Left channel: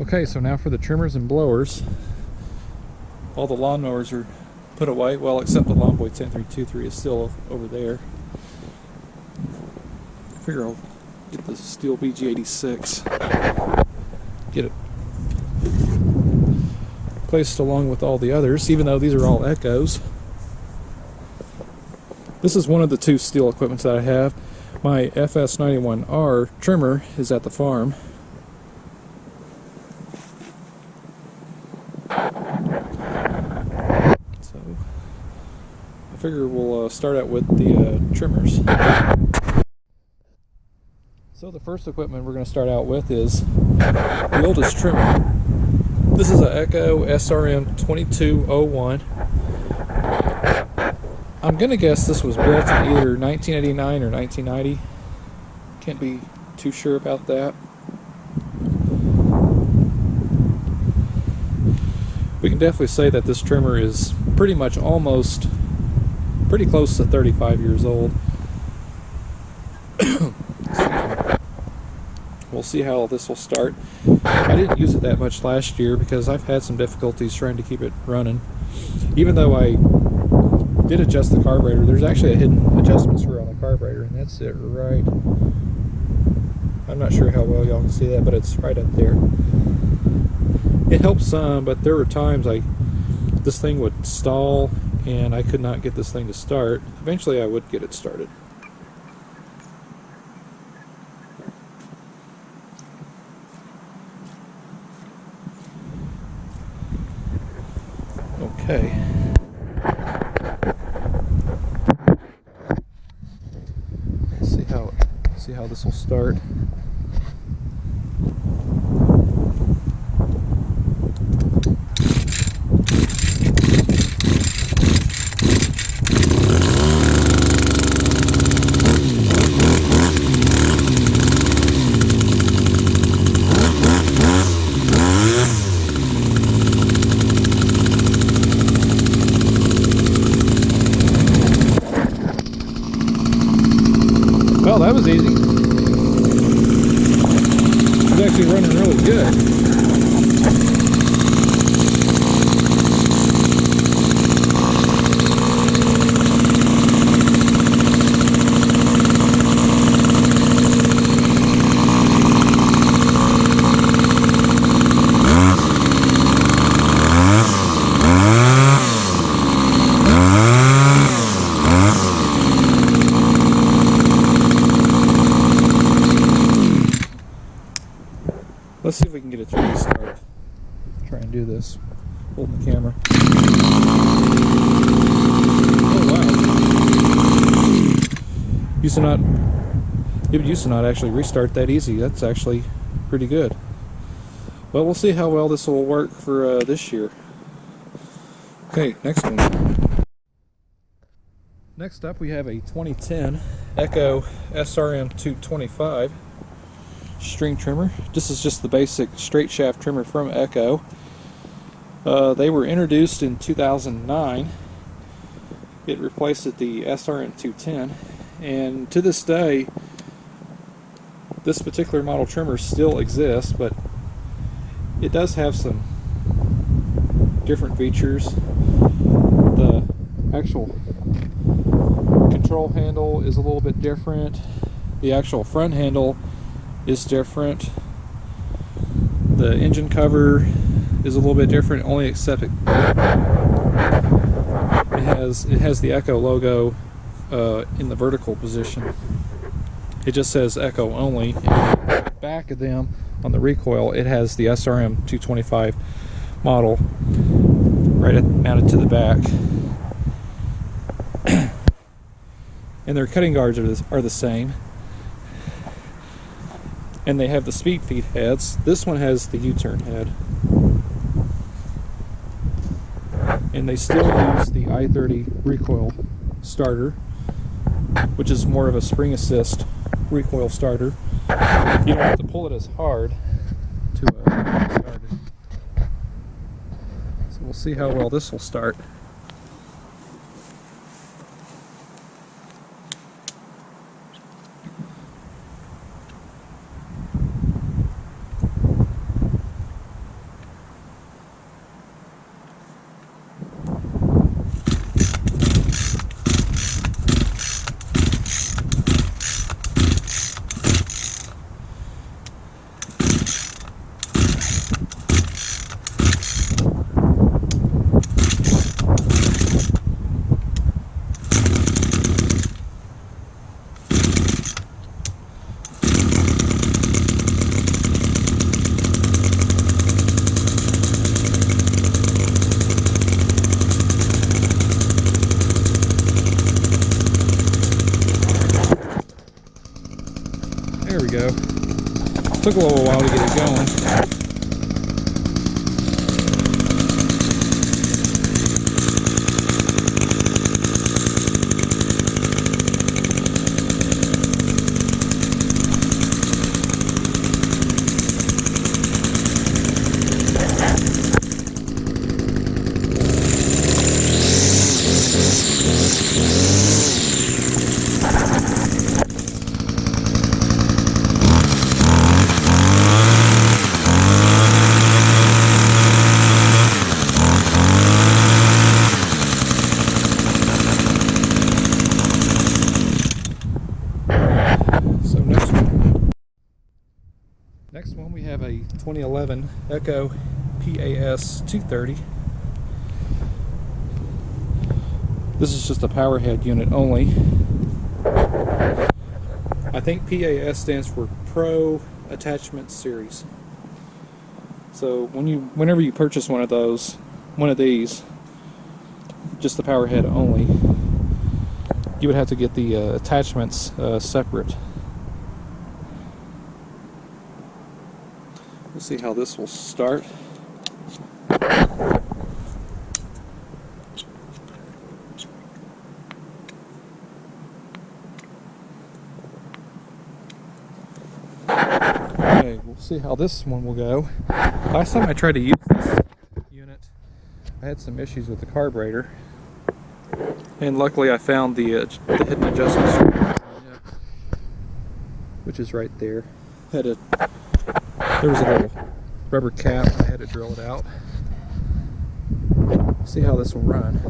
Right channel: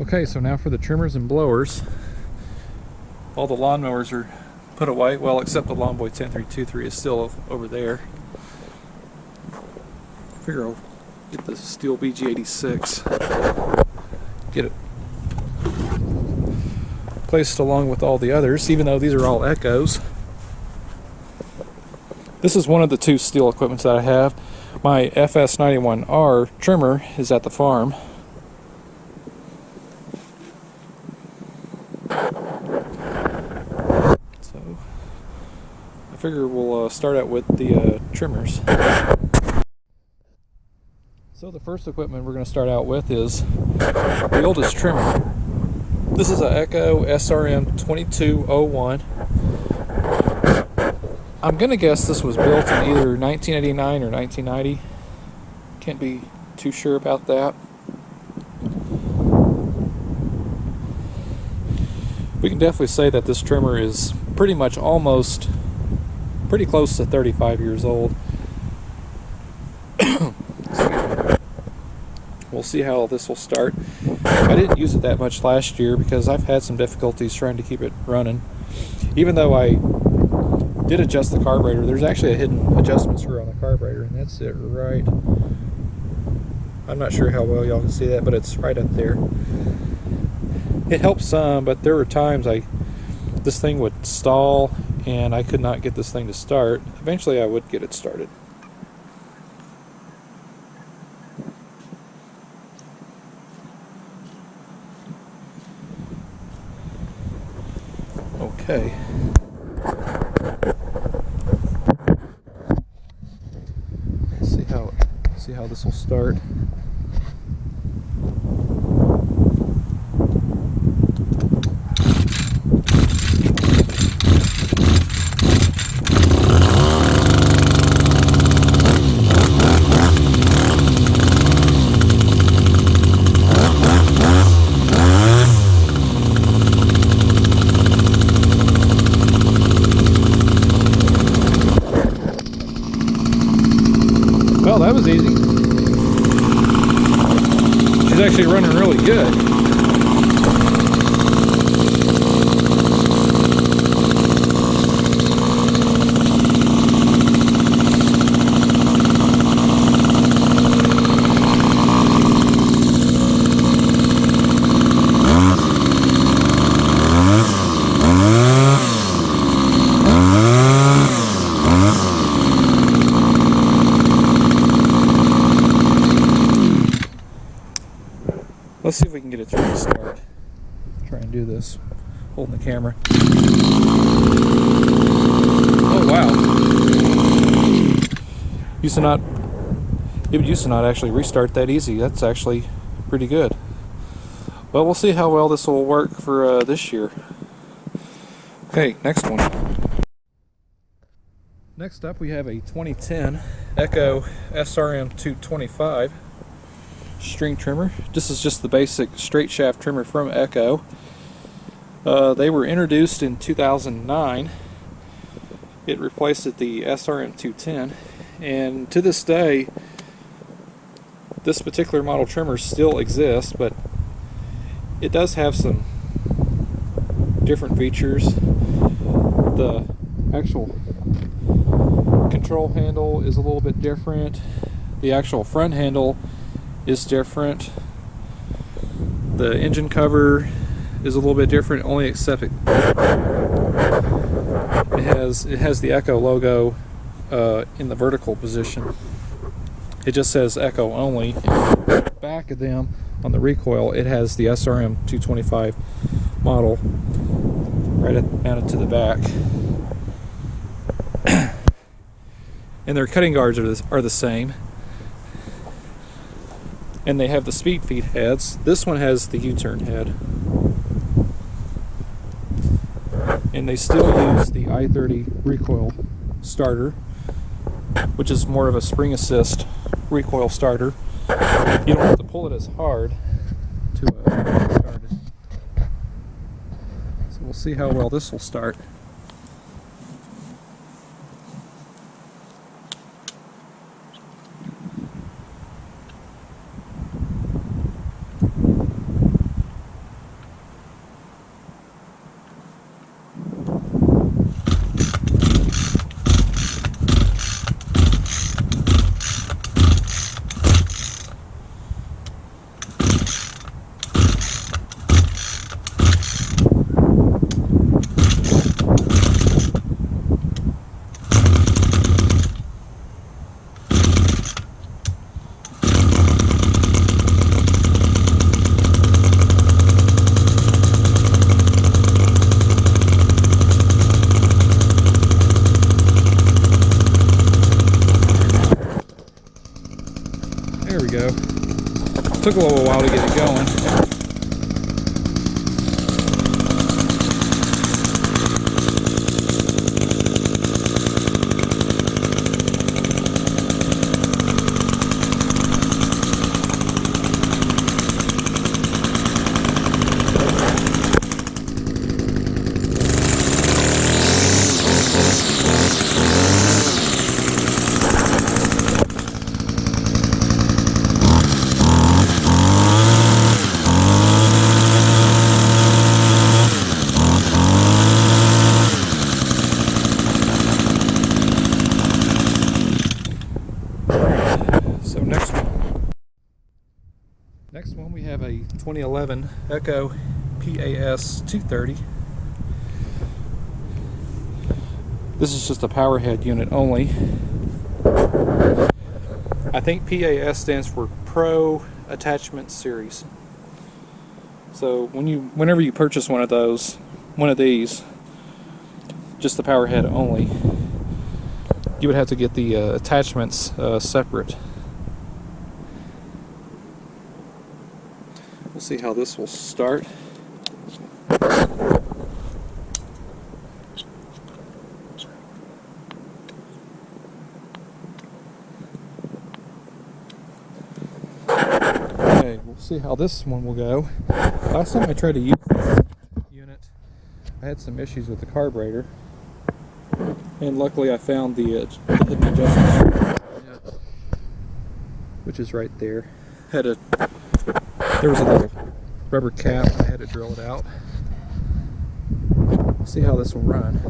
Okay, so now for the trimmers and blowers. All the lawnmowers are put away, well, except the Lawn Boy 10323 is still over there. I figure I'll get the Stihl BG 86. Get it placed along with all the others, even though these are all Echoes. This is one of the two Stihl equipments that I have. My FS91R trimmer is at the farm. So I figure we'll start out with the trimmers. So the first equipment we're going to start out with is the oldest trimmer. This is an Echo SRM 2201. I'm going to guess this was built in either 1989 or 1990. Can't be too sure about that. We can definitely say that this trimmer is pretty much pretty close to 35 years old. Excuse me. We'll see how this will start. I didn't use it that much last year because I've had some difficulties trying to keep it running. Even though I did adjust the carburetor, there's actually a hidden adjustment screw on the carburetor, and that's it right. I'm not sure how well y'all can see that, but it's right up there. It helps some, but there were times this thing would stall and I could not get this thing to start. Eventually I would get it started. Okay. Let's see how this will start. Well, that was easy. She's actually running really good. Let's see if we can get it to restart. Try and do this, holding the camera. Oh wow! It used to not actually restart that easy. That's actually pretty good. Well, we'll see how well this will work for this year. Okay, next one. Next up, we have a 2010 Echo SRM 225. String trimmer. This is just the basic straight shaft trimmer from Echo. They were introduced in 2009. It replaced the SRM 210, and to this day this particular model trimmer still exists, but it does have some different features. The actual control handle is a little bit different. The actual front handle is different. The engine cover is a little bit different, only except it has the Echo logo in the vertical position. It just says Echo only, and on the back of them, on the recoil, it has the SRM 225 model mounted to the back. And their cutting guards are the same. And they have the speed feed heads. This one has the U-turn head. And they still use the I-30 recoil starter, which is more of a spring assist recoil starter. You don't have to pull it as hard to start it. So we'll see how well this will start. Took a little while to get it going. So next one we have a 2011 Echo PAS 230. This is just a power head unit only. I think PAS stands for Pro Attachment Series. So whenever you purchase one of these, just the power head only, you would have to get the attachments separate. We'll see how this will start. Okay, we'll see how this one will go. Last time I tried to use this unit, I had some issues with the carburetor, and luckily I found the hidden adjustment on it, which is right there. There was a little rubber cap, I had to drill it out. See how this will run.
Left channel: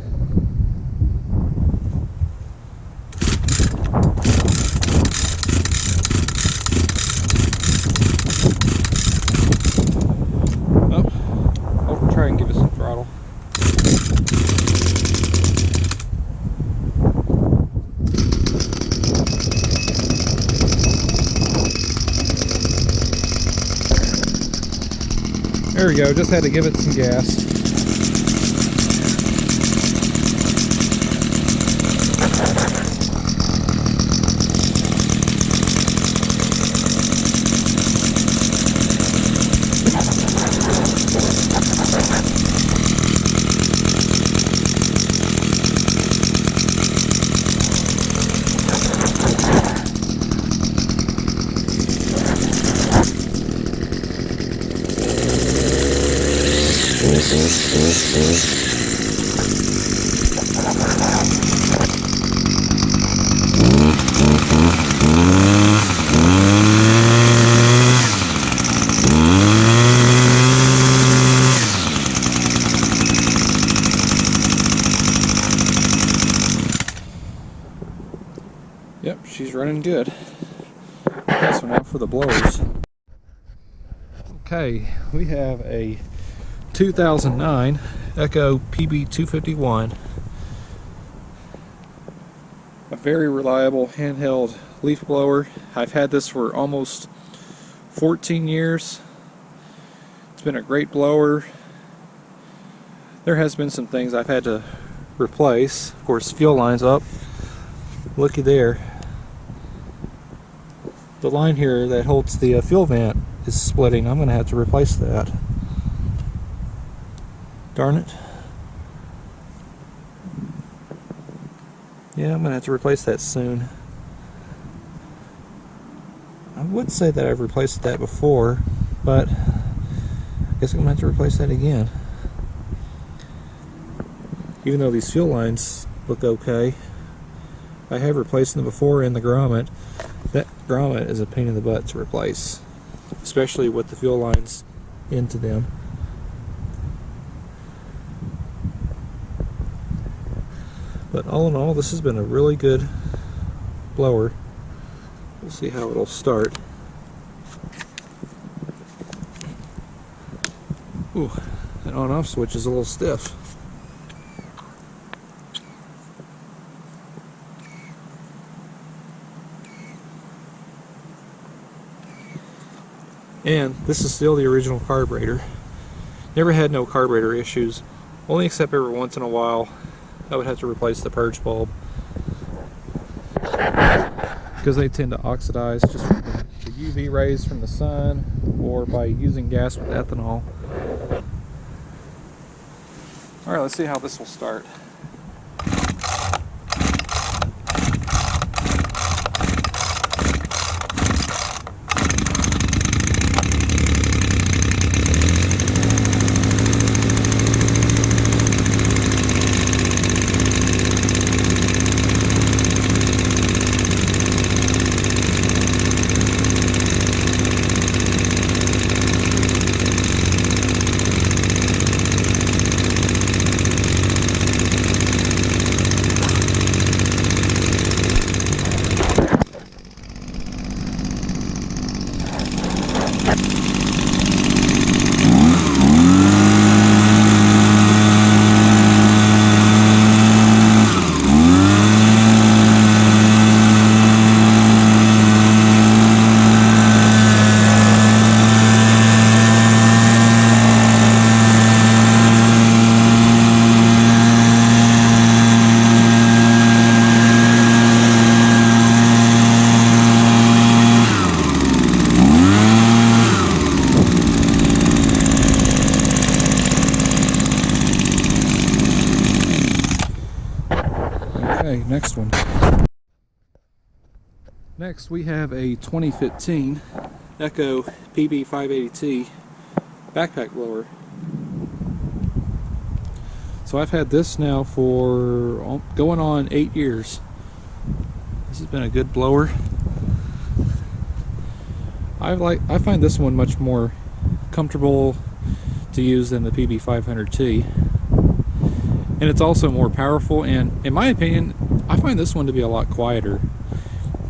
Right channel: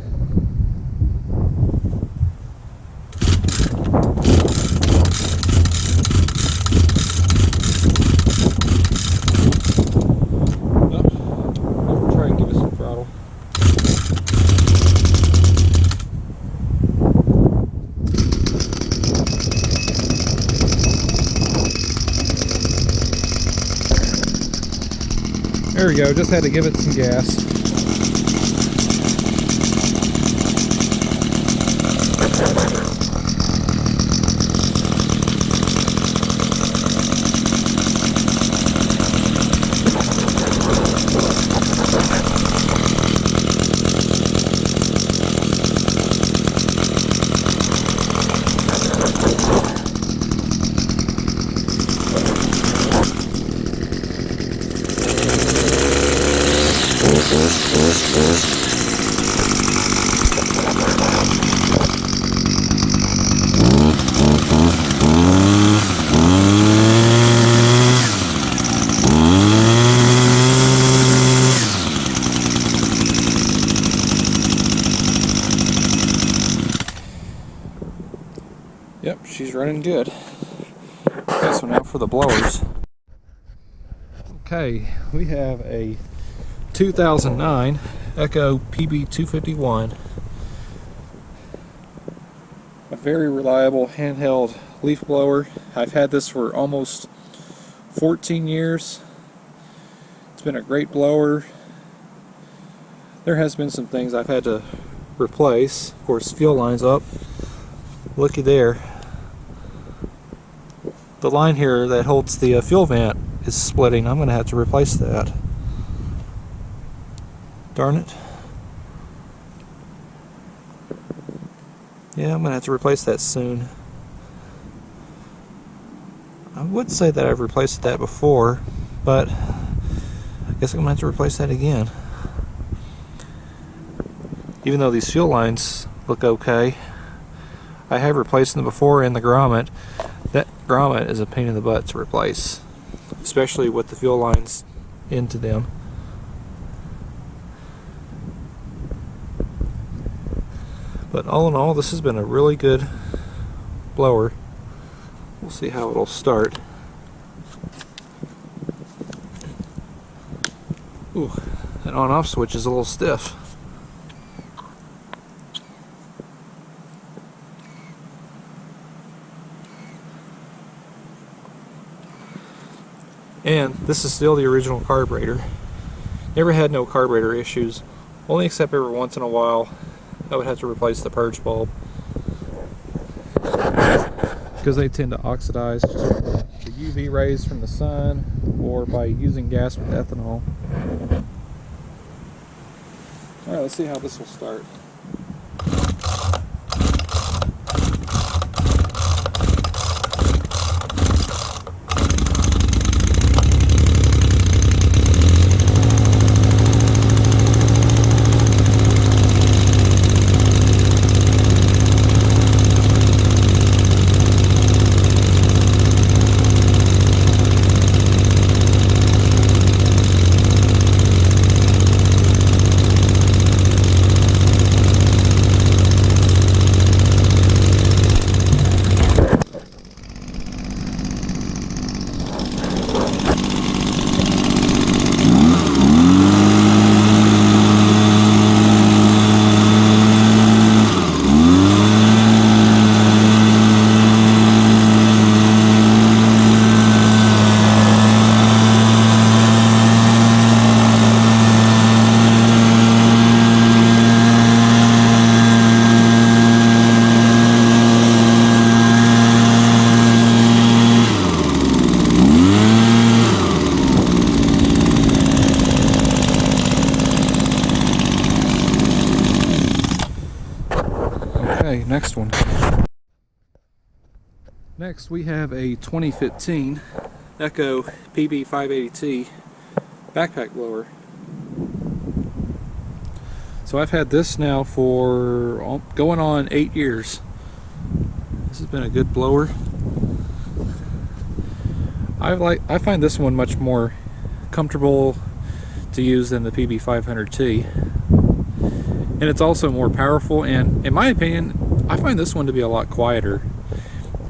I'll try and give it some throttle. There we go, just had to give it some gas. Yep, she's running good. Okay, so now for the blowers. Okay, we have a 2009 Echo PB251. A very reliable handheld leaf blower. I've had this for almost 14 years. It's been a great blower. There has been some things I've had to replace. Of course, fuel lines up. Looky there. The line here that holds the fuel vent is splitting. I'm going to have to replace that. Darn it. Yeah, I'm going to have to replace that soon. I would say that I've replaced that before, but I guess I'm going to have to replace that again. Even though these fuel lines look okay, I have replaced them before in the grommet. That grommet is a pain in the butt to replace, especially with the fuel lines into them. But all in all, this has been a really good blower. We'll see how it'll start. Ooh, that on-off switch is a little stiff. And this is still the original carburetor. Never had no carburetor issues, only except every once in a while I would have to replace the purge bulb because they tend to oxidize just from the UV UV rays from the sun or by using gas with ethanol. Alright, let's see how this will start. Okay, next one. Next we have a 2015 Echo PB580T backpack blower. So I've had this now for going on 8 years. This has been a good blower. I find this one much more comfortable to use than the PB500T. And it's also more powerful, and in my opinion, I find this one to be a lot quieter.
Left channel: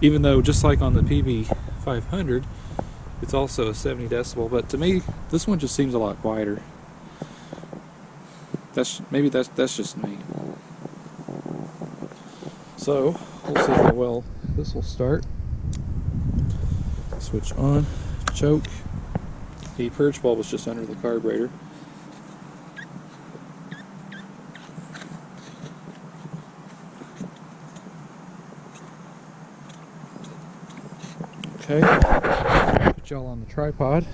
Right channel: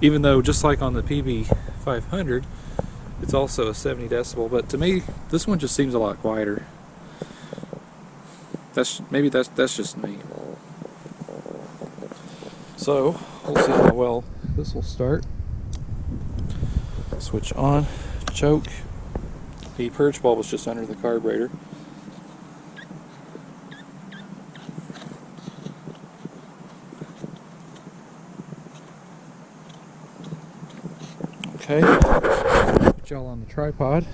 Even though, just like on the PB500, it's also a 70 decibel, but to me, this one just seems a lot quieter. Maybe that's just me. So, we'll see how well this will start. Switch on, choke. The purge bulb was just under the carburetor. Okay, put y'all on the tripod.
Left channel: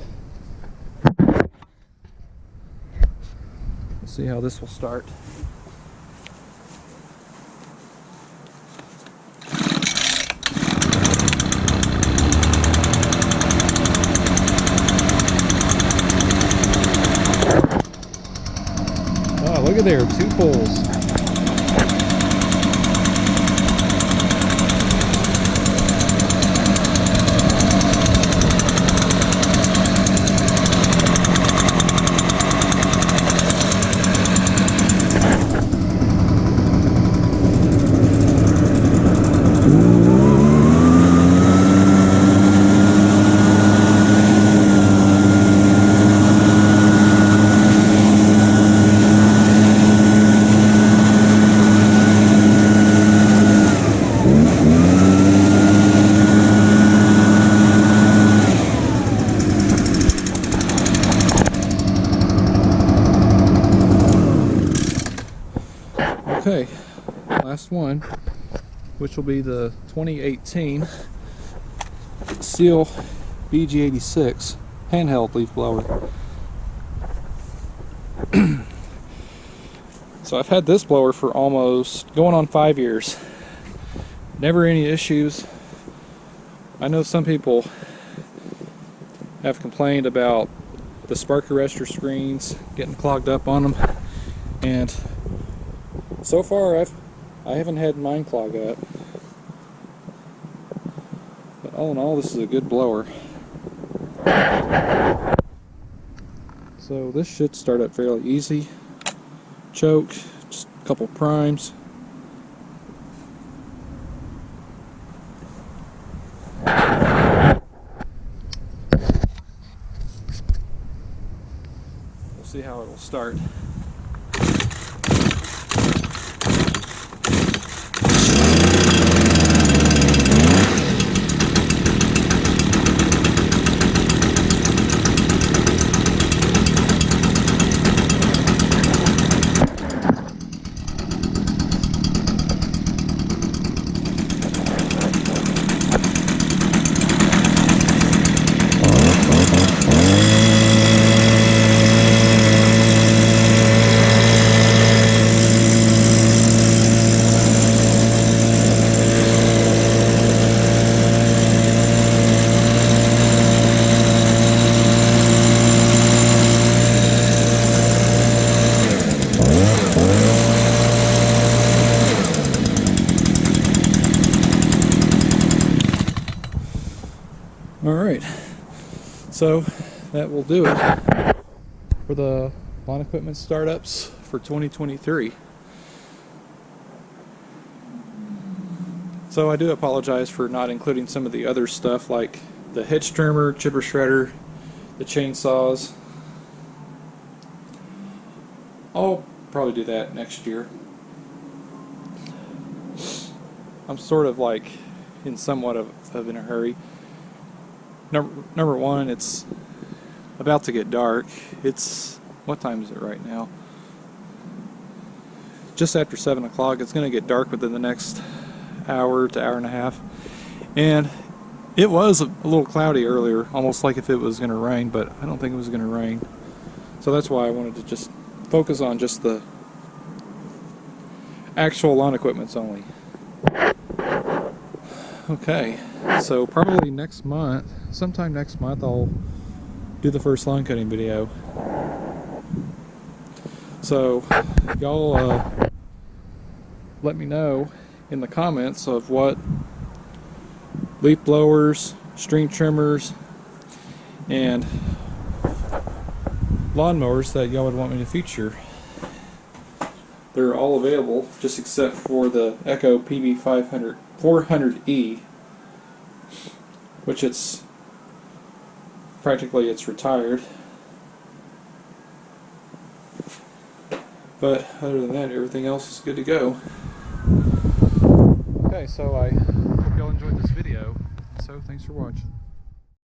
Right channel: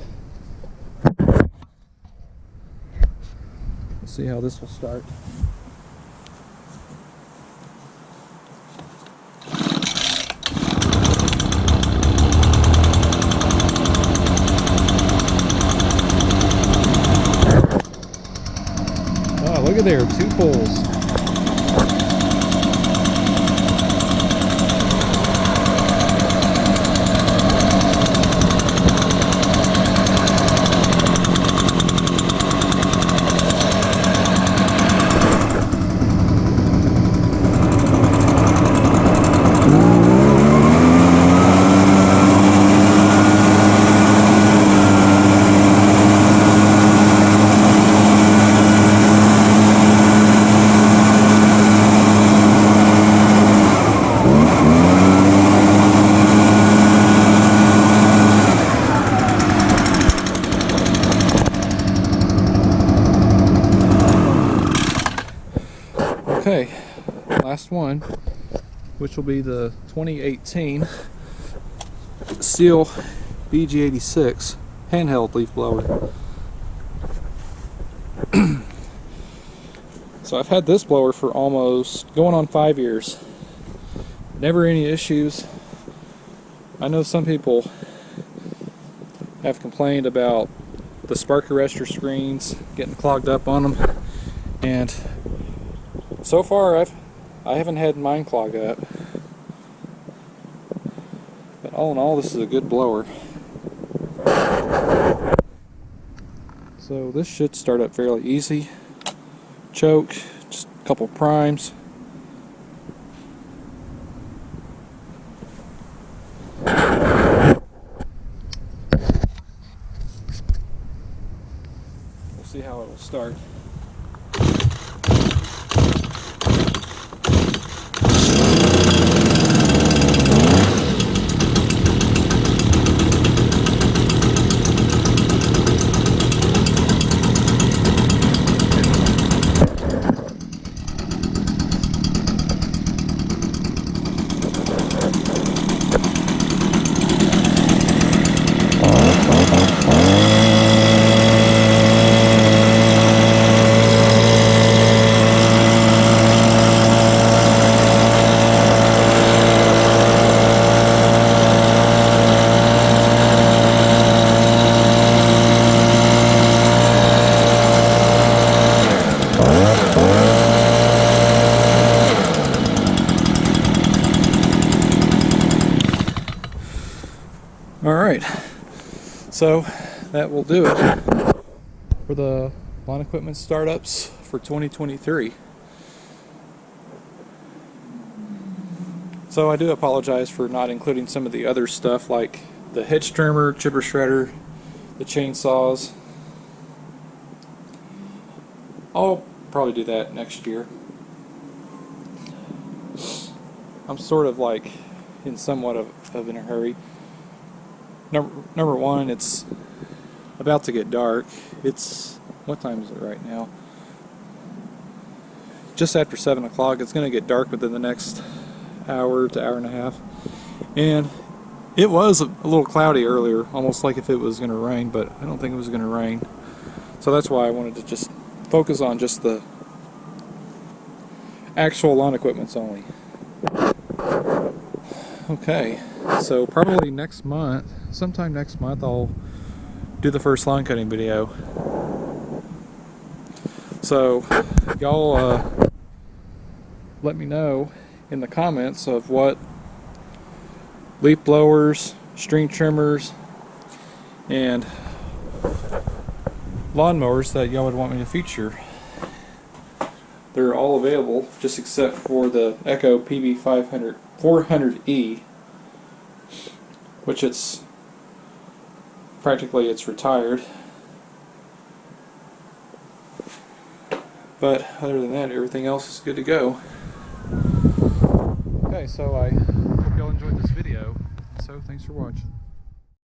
Let's see how this will start. Oh, look at there, 2 pulls. Okay, last one, which will be the 2018 Stihl BG 86 handheld leaf blower. So I've had this blower for almost going on 5 years. Never any issues. I know some people have complained about the spark arrestor screens getting clogged up on them, and so far I haven't had mine clog up. But all in all, this is a good blower. So this should start up fairly easy. Choke, just a couple primes. We'll see how it will start. So that will do it for the lawn equipment startups for 2023. So I do apologize for not including some of the other stuff like the hedge trimmer, chipper shredder, the chainsaws. I'll probably do that next year. I'm sort of like in somewhat of in a hurry. Number one, it's about to get dark. It's, what time is it right now? Just after 7 o'clock. It's going to get dark within the next hour to hour and a half. And it was a little cloudy earlier, almost like if it was going to rain, but I don't think it was going to rain. So that's why I wanted to just focus on just the actual lawn equipments only. Okay, so probably next month, sometime next month, I'll do the first lawn cutting video. So y'all let me know in the comments of what leaf blowers, string trimmers, and lawnmowers that y'all would want me to feature. They're all available, just except for the Echo PV 400E, which it's retired. But other than that, everything else is good to go. Okay, so I hope y'all enjoyed this video. So thanks for watching.